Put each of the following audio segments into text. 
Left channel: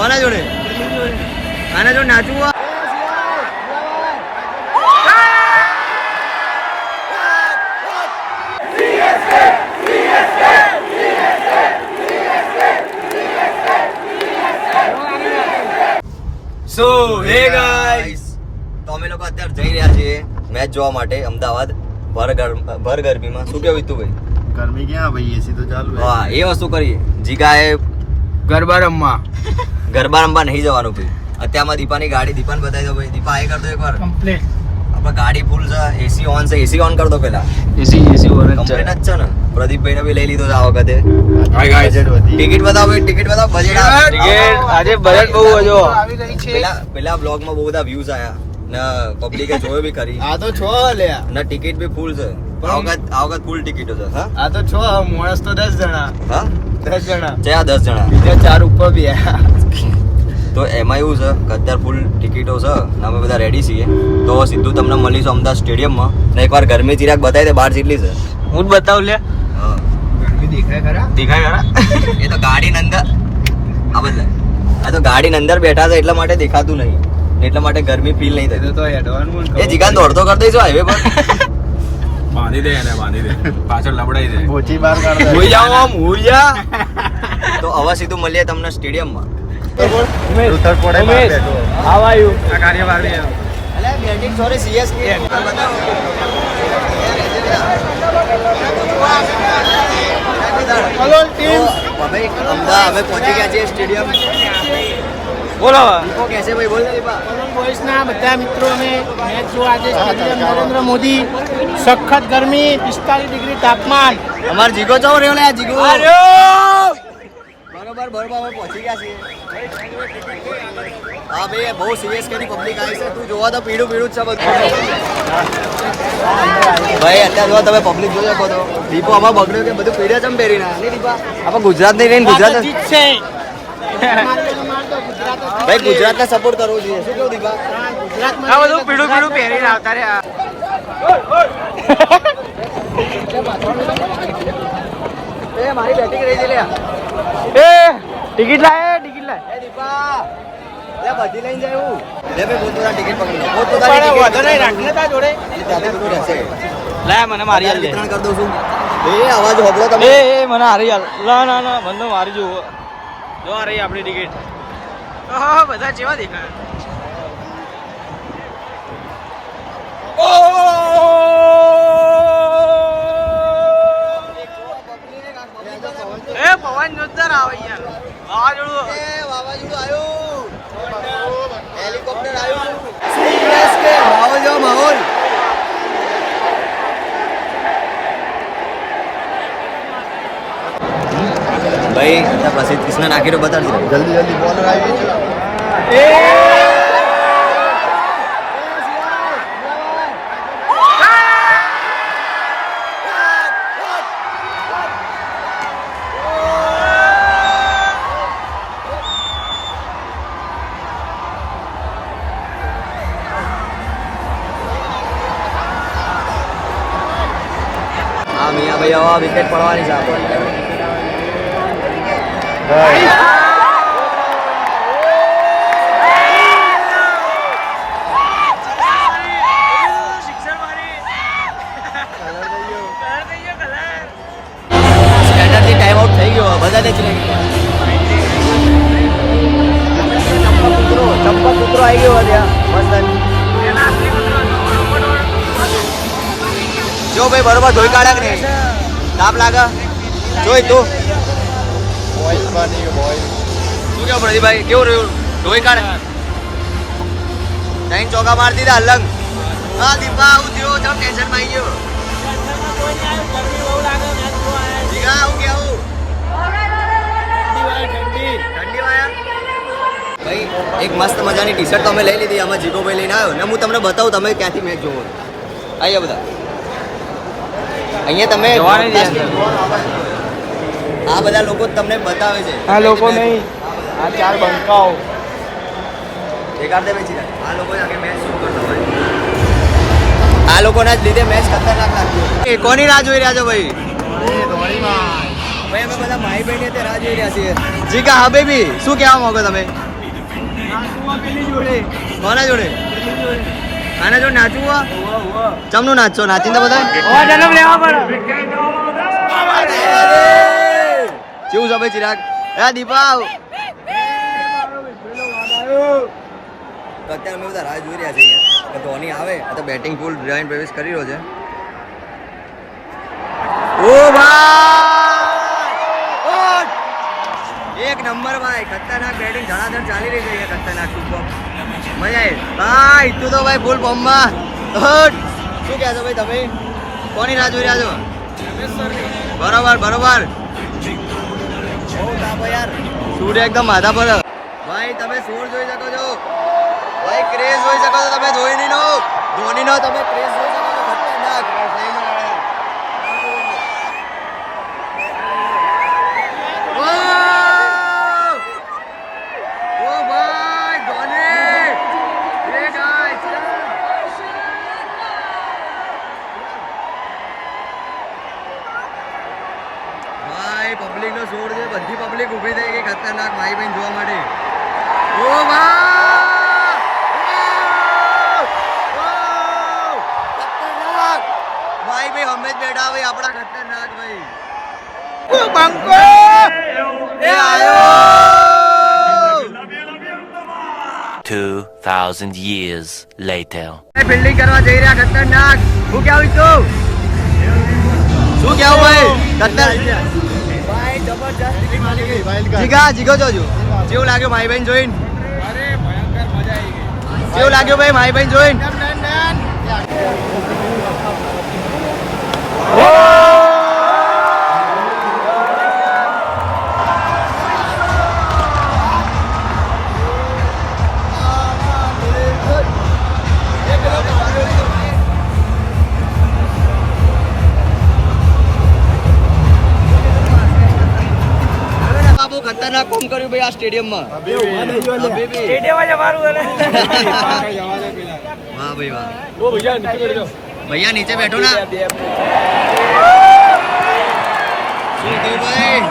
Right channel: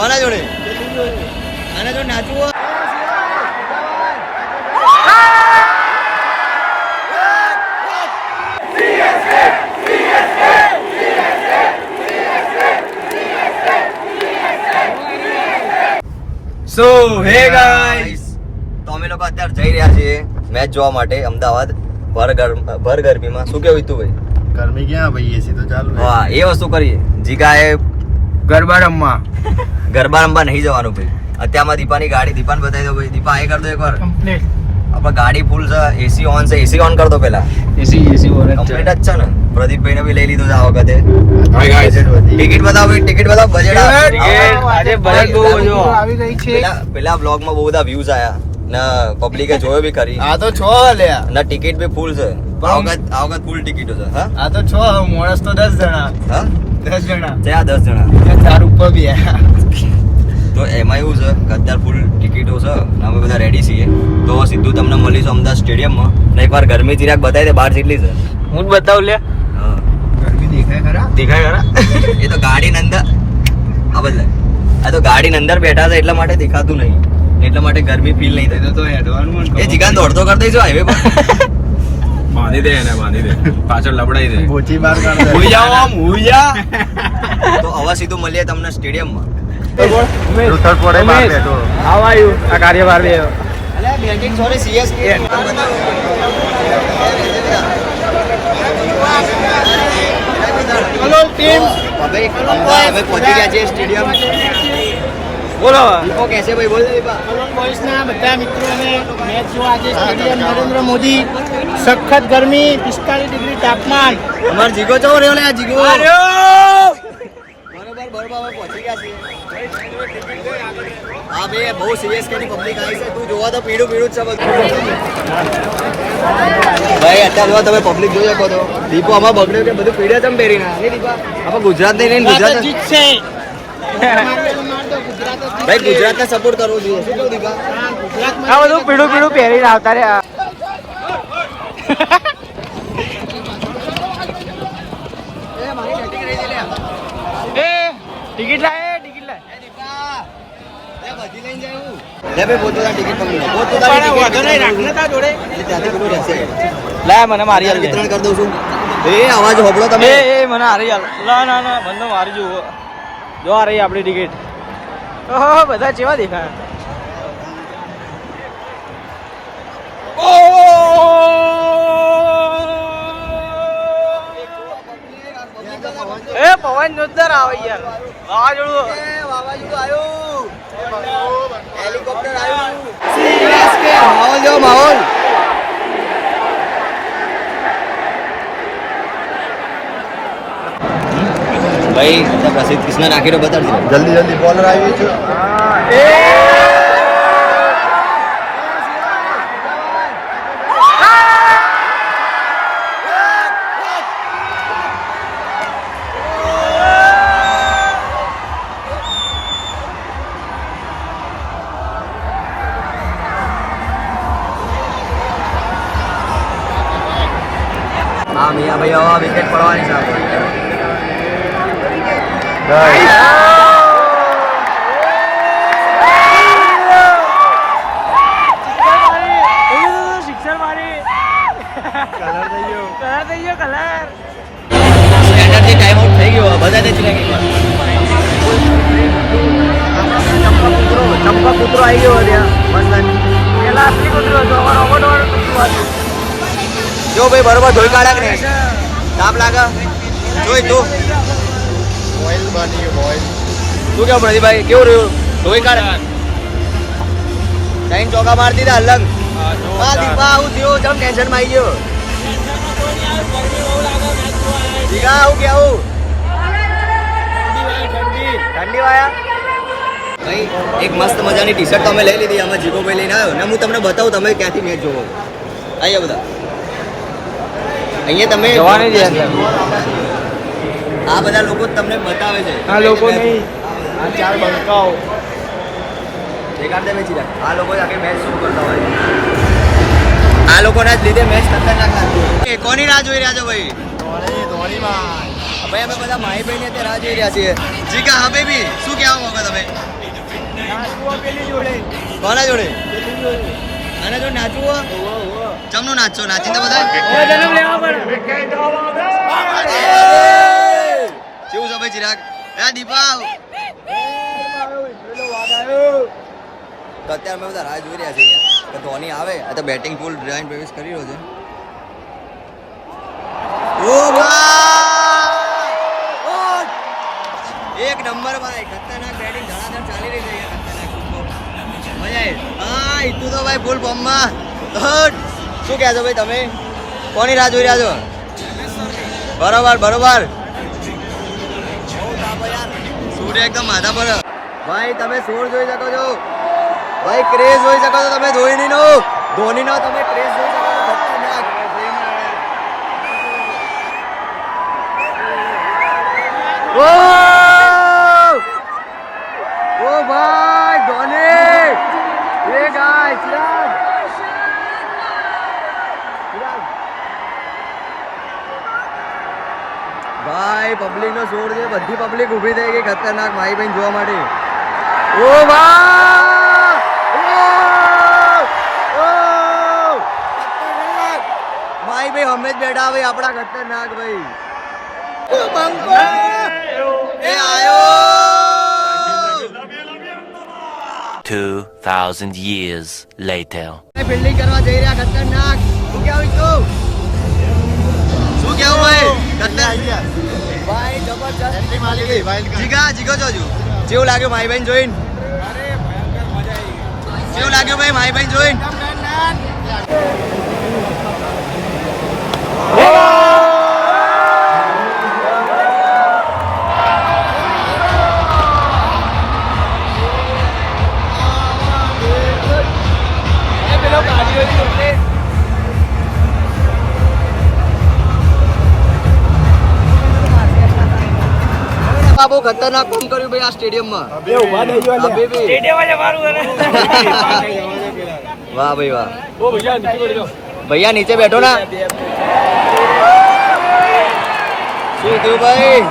કોના જોડે? આના જોડે નાચવું હોય? સો હે ગાઈસ, તો અમે લોકો અત્યારે જઈ રહ્યા છીએ મેચ જોવા માટે અમદાવાદ ભર ગરમીમાં. શું કેવું તું ભાઈ? ગરમી ક્યાં ભાઈ, એસી તો ચાલુ છે. હા, એ વસ્તુ કરીએ. જીગાએ ગરબા રમવા નહીં જવાનું ભાઈ. અત્યારમાં દીપાની ગાડી, દીપાને બતાવી દો ભાઈ. દીપા એ કર દો એકવાર. કમ્પ્લીટ. આપણે ગાડી ફૂલ છે, એસી ઓન છે. એસી ઓન કર દો પહેલા. એસી ઓન જ કમ્પ્લીટ જ છે ને? પ્રદીપભાઈ ને બી લઈ લીધો છે આ વખતે. હાય ગાઈસ, ટિકિટ બતાવો ભાઈ, ટિકિટ બતાવો. બજેટ આજે બજેટ બહુ વધુ આવી ગઈ છે. પેલા બ્લોગમાં બહુ બધા વ્યૂઝ આયા ને પબ્લિકે જોયો બી ખરી. આ તો છો લ્યા, ના ટિકિટ બી ફૂલ છે. આ વખત ફૂલ ટિકિટો છે. હા, આ તો છો માણસ તો 10 જણા. હા 10 જણા છે. આ 10 જણા, બીજા 4 ઉપર બી તો એમાં એવું છે કે અત્યારે ફૂલ ટિકિટો છે. અમે બધા રેડી છીએ. તો સીધું તમને મળીશું અમદાવાદ સ્ટેડિયમમાં. ને એકવાર ગરમી ચિરાગ બતાવી દે બહાર જેટલી છે. હું જ બતાવું લે. ગરમી દેખાય ખરા? એ તો ગાડીની અંદર આ તો ગાડીની અંદર બેઠા છે એટલા માટે દેખાતું નહીં. એટલા માટે ગરમી ફીલ નહીં થતી. તો હેડવાનું એ જીગાન દોડતો કરી દઈશું હાઈવે પર. બાંધી દે એને, બાંધી દે, પાછળ લબડાઈ દે. બોચી બાર કાઢ દે. હું જાવ આમ હુયા. તો હવે સીધું મળીએ તમને સ્ટેડિયમમાં. Umesh how are you? આ કાર્યભાર લે. અલે batting sorry CSK. Hello team. હવે અમદાવાદ હવે પહોંચી ગયા છે સ્ટેડિયમ. બોલો. દીપો કેસે ભાઈ? બોલ દીપા. કોલોન બોયઝના બધા મિત્રોને મેચ જોવા આજે સ્ટેડિયમ નરેન્દ્ર મોદી. સખત ગરમી, 45 ડિગ્રી તાપમાન. અમાર જીગો ચો રહ્યો લે? આ જીગો બરોબર અમે પહોંચી ગયા છીએ. હા ભાઈ, બહુ સીએસકે ની પબ્લિક આવી છે. તું જોવા તો પીળું જ છે બધું. ભાઈ અત્યારે જો તમે પબ્લિક જોઈ શકો તો દીપો આમાં બગડ્યો કે બધું પીળે ચમ પહેરીને નહીં દીપા? આપણે ગુજરાત નહીં રહીને ગુજરાત જીતશે. મારતો તો મારતો, ગુજરાત જ જીતશે. ભાઈ ગુજરાતને સપોર્ટ કરવો જોઈએ. શું કેવું દીપા? હા, ગુજરાતમાં આ બધું પીળું પીળું પહેરીને આવતા રે. મારી બેટિંગ રહી છે. એ ટિકિટ લાય, ટિકિટ લાય. એ દીપા લે બધી લઈને જાય હું. લે ભાઈ પોતાની ટિકિટ પકડી લો. પોતાની ટિકિટ રાખને તા જોડે. એટલે ત્યાંથી બધું રહેશે. લાય મને મારી હાલ. વિતરણ કરી દઉં છું. એ અવાજ હોબળો તમે. એ મને હારી હાલ. ના મને મારી જુઓ. જો આ રહી આપણી ટિકિટ. ઓહો, બધા કેવા દેખાય. એ પવન જોરદાર આવે યાર. વાવાઝોડું. માહોલ જો માહોલ. ભાઈ પછી કૃષ્ણ નાખી દો. બતાડજો જલ્દી બોલર આવી છે. ભાઈ વિકેટ પડવાની છે. સ્ટેન્ડર્ડથી ટાઈમ આઉટ થઈ ગયો બધાને જ લાગી. જો ભાઈ બરોબર ધોઈ કાઢે ને તાપ લાગે જોઈ તું. બોઇલ બની ગયો બોઇલ. શું કેવું પ્રદીપભાઈ? કેવું રહ્યું? ધોઈ કાઢે. ટાઈમ ચોકા મારી દીધા અલંગ. હા દીપા આવું થયું. ચમ ટેન્શનમાં આવી ગયો. ગરમી બહુ લાગે, મેચ જોવા આવ્યા. જીગા આવું કે આવું? ઠંડી વાયા ભાઈ. એક મસ્ત મજાની ટી શર્ટ તો અમે લઈ લીધી. આમાં જીગો ભાઈ લઈને આવ્યો ને હું તમને બતાવું તમે ક્યાંથી મેચ જોવો. અહીંયા બધા અહીંયા તમે જવાની છે અંદર. આ બધા લોકો તમને બતાવે છે. આ લોકો નહીં, આ ચાર બંકાઓ. દેખાડે નથી રહ્યા. આ લોકો જ આખી મેચ શરૂ કરતા હોય. આ લોકોના જ લીધે મેચ ખતરનાક લાગતી હોય. કોની રાહ જોઈ રહ્યા છો ભાઈ? ભાઈ અમે બધા માહીભાઈ ને રાહ જોઈ રહ્યા છીએ. જીગા હા બેબી શું કહેવા માંગો તમે? કોના જોડે? આના જોડે નાચવું હો? ચમનું નાચશો? નાચીને તો બધા જન્મ લેવા પડે. કેવું છે ભાઈ ચિરાગ? દીપાવ તો અત્યારે અમે બધા રાહ જોઈ રહ્યા છીએ અહીંયા કે ધોની આવે તો બેટિંગ ફૂલ જોઈન પ્રવેશ કરી રહ્યો છે. ઓ ભાઈ એક નંબર ભાઈ, ખતરનાક બેટિંગ ધડાધડ ચાલી રહી છે અહીંયા, ખતરનાક મજા આવી. હા ઈતુ તો ભાઈ ફૂલ ફોર્મમાં. શું કહેશો ભાઈ તમે? કોની રાહ જોઈ રહ્યા છો? બરોબર બરોબર. સૂર્ય એકદમ માથા પર ભાઈ. તમે સોર જોઈ શકો છો ભાઈ, ક્રેઝ જોઈ શકો છો તમે. ધોનીનો તમે ક્રેઝ જોઈ શકો છો. ખતરનાક. ઓ ભાઈ ધોની એ ગાય ચિરાગ. ભાઈ પબ્લિક નો જોર છે, બધી પબ્લિક ઊભી થઈ ગઈ ખતરનાક માઈ બહેન જોવા માટે. ઓ ખતરનાક માઈ ભાઈ અમે જ બેઠા ભાઈ આપણા ખતરનાક ભાઈ. એ આયો 2,000 years later. ફિલ્ડિંગ કરવા જઈ રહ્યા ખતરનાક. શું કેવું તું? શું કેવું ભાઈ? ખતર ભાઈ જબરજસ્ત. જીગો જોજો કેવું લાગ્યું માઈ બહેન જોઈને? અરે ભયંકર મજા આવી ગઈ. કેવું લાગ્યું ભાઈ માઈ બહેન જોઈને? બહુ ખતરનાક કામ કર્યું ભાઈ આ સ્ટેડિયમમાં. વાહ ભાઈ વાહ. ભૈયા નીચે બેઠો ના. શું થયું ભાઈ?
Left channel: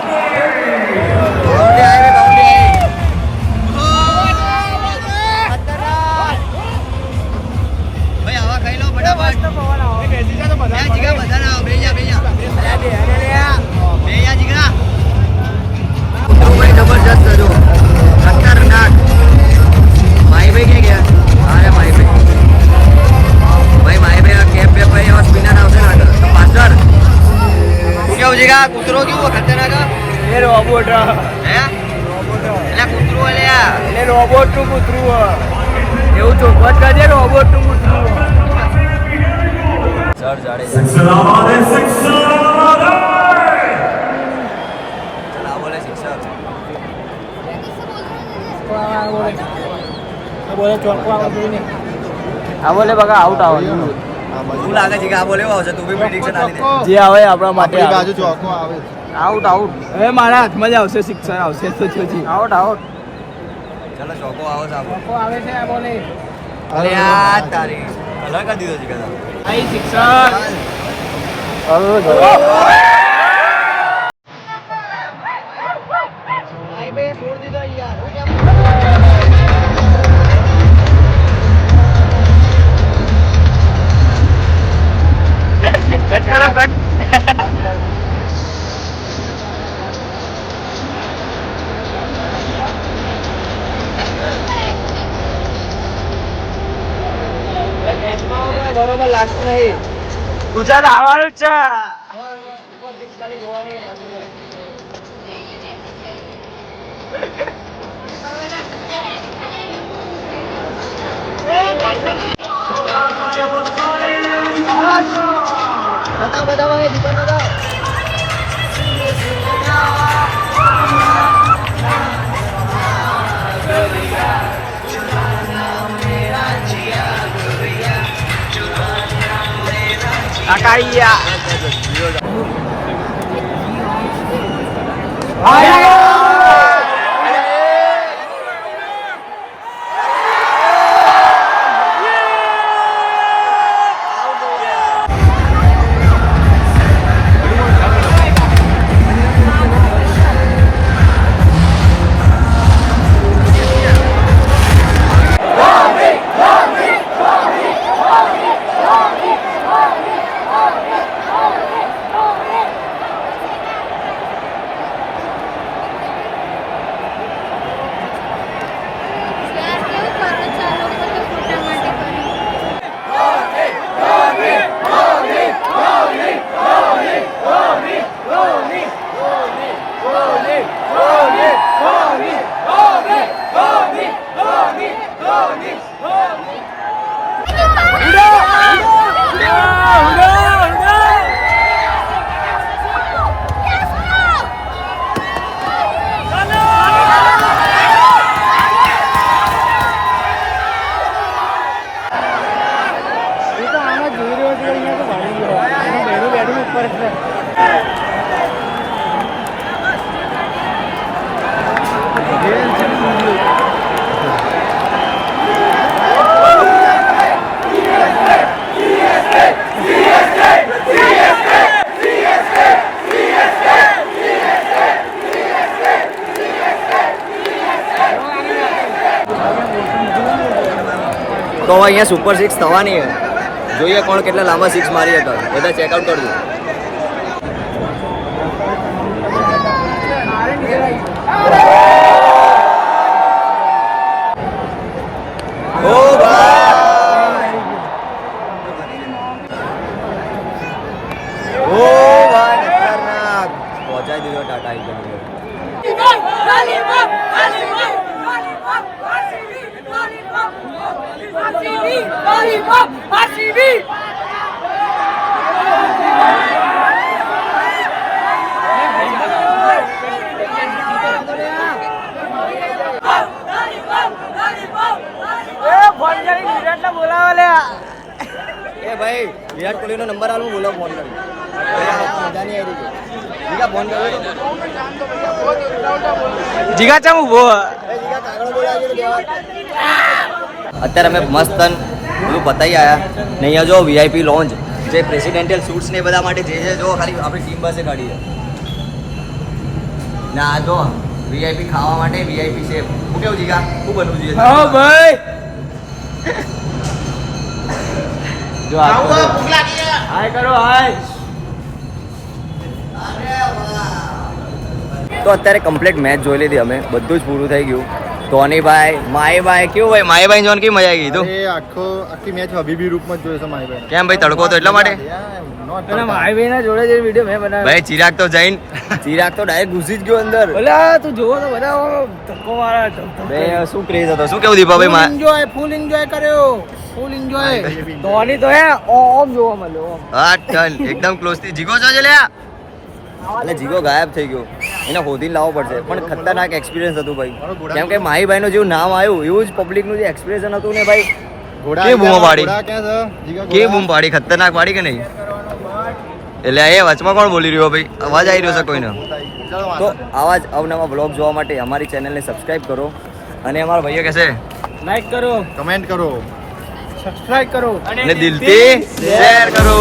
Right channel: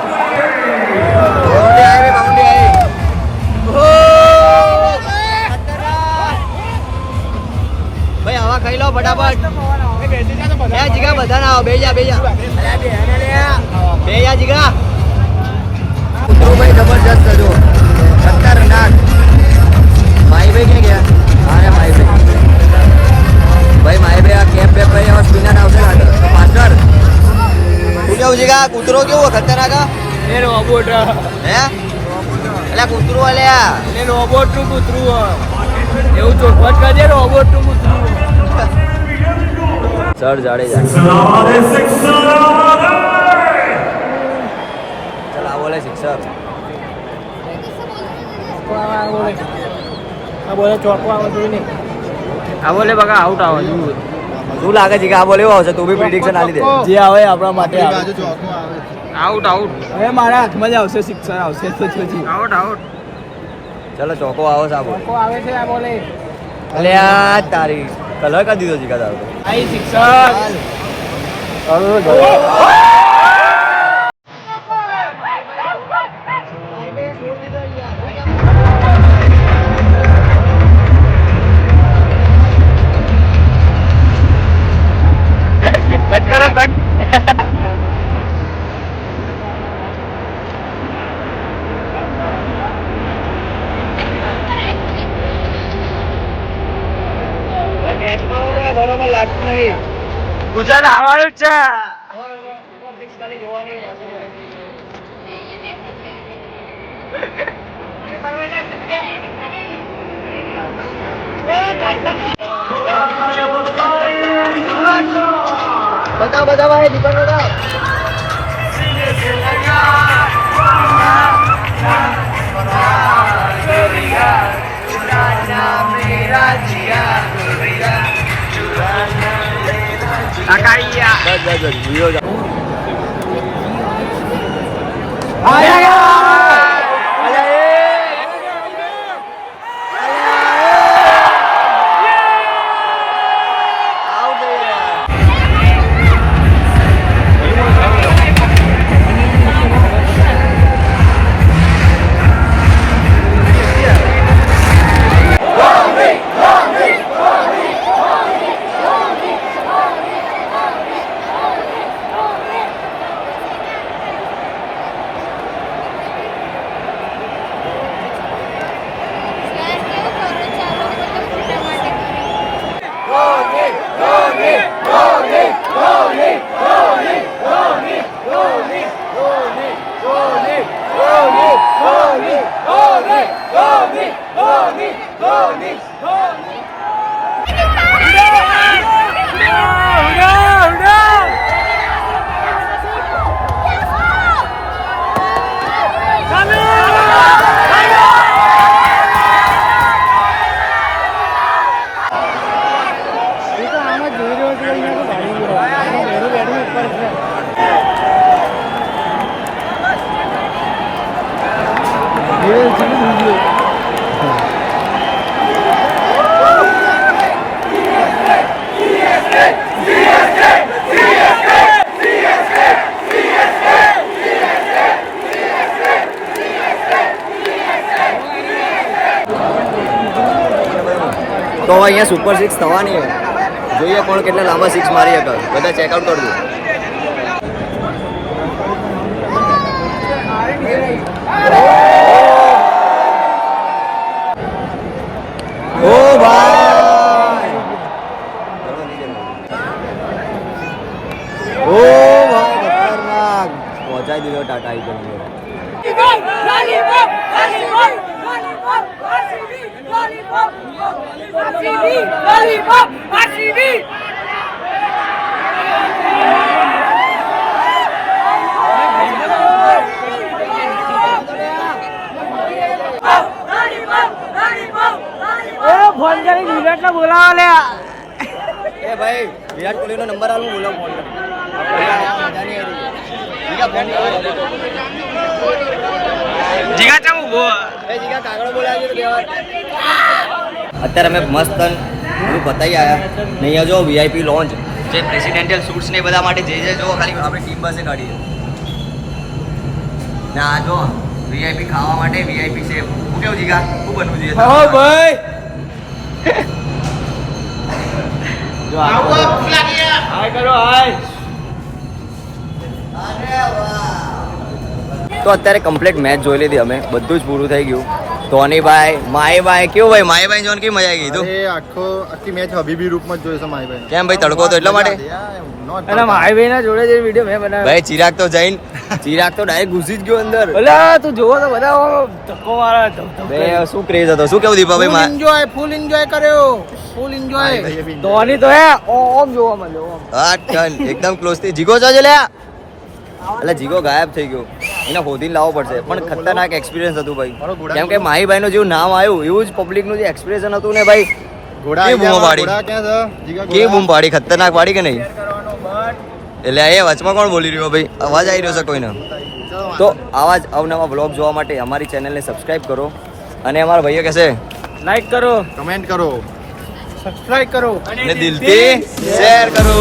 બાઉન્ડ્રી આવી બાઉન્ડ્રી આવી. ભાઈ હવા ખાઈ લો ફટાફટ. જીગા બધા ના આવો. બે જા જીગા. ભાઈ જબરજસ્ત છે જો ખતરનાક. માઈ ભાઈ ક્યાં ગયા? અરે માઈ ભાઈ આ કેપ બેપ ભાઈ એવા સ્પિનર આવશે ને આગળ તો પાછળ. શું કેવું છે કે કૂતરો કેવું ખતરનાક? એ રોબોટ હે એટલે કૂતરું અલ્યા એટલે રોબોટ નું કૂતરું એવું ચોખવટ કરજે. રોબોટ નું કૂતરું સર જાડેજા. બોલે ચોકો આવે જોઈ ને. આ બોલે બકા આઉટ આવે. શું લાગે છે કે આ બોલ એવો હશે? તું બી પ્રિડિક્શન આપી દે. જે આવે આપણા માટે બાજુ ચોકો આવે. Out out. હવે મારા હાથમાં જ આવશે, સિક્સર આવશે તો જોજી. Out out. ચલો ચોકો આવો સાહેબ. ચોકો આવે છે આ બોલે. અરે યાર તારી કલર કરી દીધો છે કદા. આઈ સિક્સર. બરોબર લાગતું નહીં. ગુજરાત આવવાનું જ છે. બધા ભાઈ દીપક એ તો આમ જ જોઈ રહ્યો છે અહીંયા તો ભાડી ગયો એનો બેરું બેઠું ઉપર છે તો હવે અહીંયા સુપર સિક્સ થવાની છે. જોઈએ કોણ કેટલા લાંબા સિક્સ મારી શકે. બધા ચેકઆઉટ કરજો. ઓ ભાઈ ખતરનાક પહોંચાઈ દીધો ટાટા આઈકન. બોલાવો લે એ ભાઈ વિરાટ કોહલીનો નંબર આલું બોલો ફોન કરી. મજા નહીં આવી રહી. જીગા ફોન કર્યો તો. જીગા ચમ ઉભો અત્યારે અમે મસ્ત બધું પતાવી આવ્યા ને અહીંયા જો વીઆઈપી લોન્જ જે પ્રેસિડેન્ટિયલ સૂટ્સ ને એ બધા માટે જે છે જો ખાલી આપણી ટીમ બસે કાઢી છે ને આ જો વીઆઈપી ખાવા માટે વીઆઈપી છે. શું કેવું જીગા શું બનવું જોઈએ? હા ભાઈ જો આ હાય કરો હાય તો અત્યારે કમ્પ્લીટ મેચ જોઈ લીધી અમે. બધું જ પૂરું થઈ ગયું. ધોનીભાઈ માહીભાઈ કેવું ભાઈ માહીભાઈ જોન કેવી મજા આવી ગઈ તું? આખી મેચ હબીબી રૂપમાં જ જોયો છે માહીભાઈ કેમ ભાઈ તડકો તો એટલા માટે? અને ભાઈ ના જોડે જે વિડિયો મેં બનાવ્યો ભાઈ ચિરાગ તો જઈને ચિરાગ તો ડાયરેક્ટ ઘૂસી જ ગયો અંદર. ઓલા તું જોવો તો બધા ધક્કો મારા બે શું ક્રેઝ હતો. શું કેવું દીપાભાઈ? ફૂલ એન્જોય કર્યો ફૂલ એન્જોય ધોની તો હે ઓમ જોવા મળ્યો ઓમ હા ટન એકદમ ક્લોઝ થી. જીગો જો લ્યા એટલે જીગો ગાયબ થઈ ગયો. એને શોધીને લાવવો પડશે. પણ ખતરનાક એક્સપિરિયન્સ હતું ભાઈ. કેમ કે માહીભાઈ નું જેવું નામ આવ્યું એવું જ પબ્લિક નું જે એક્સપ્રેશન હતું ને ભાઈ કે બૂમ પાડી કે બૂમ પાડી ખતરનાક પાડી કે નહીં? એટલે એ વચમાં કોણ બોલી રહ્યો ભાઈ? અવાજ આવી રહ્યો છે કોઈનો? તો આવા જ અવનવા બ્લોગ જોવા માટે અમારી ચેનલને સબસ્ક્રાઇબ કરો અને અમારા ભાઈએ કહેશે લાઈક કરો કમેન્ટ કરો સબસ્ક્રાઇબ કરો અને દિલથી શેર કરો.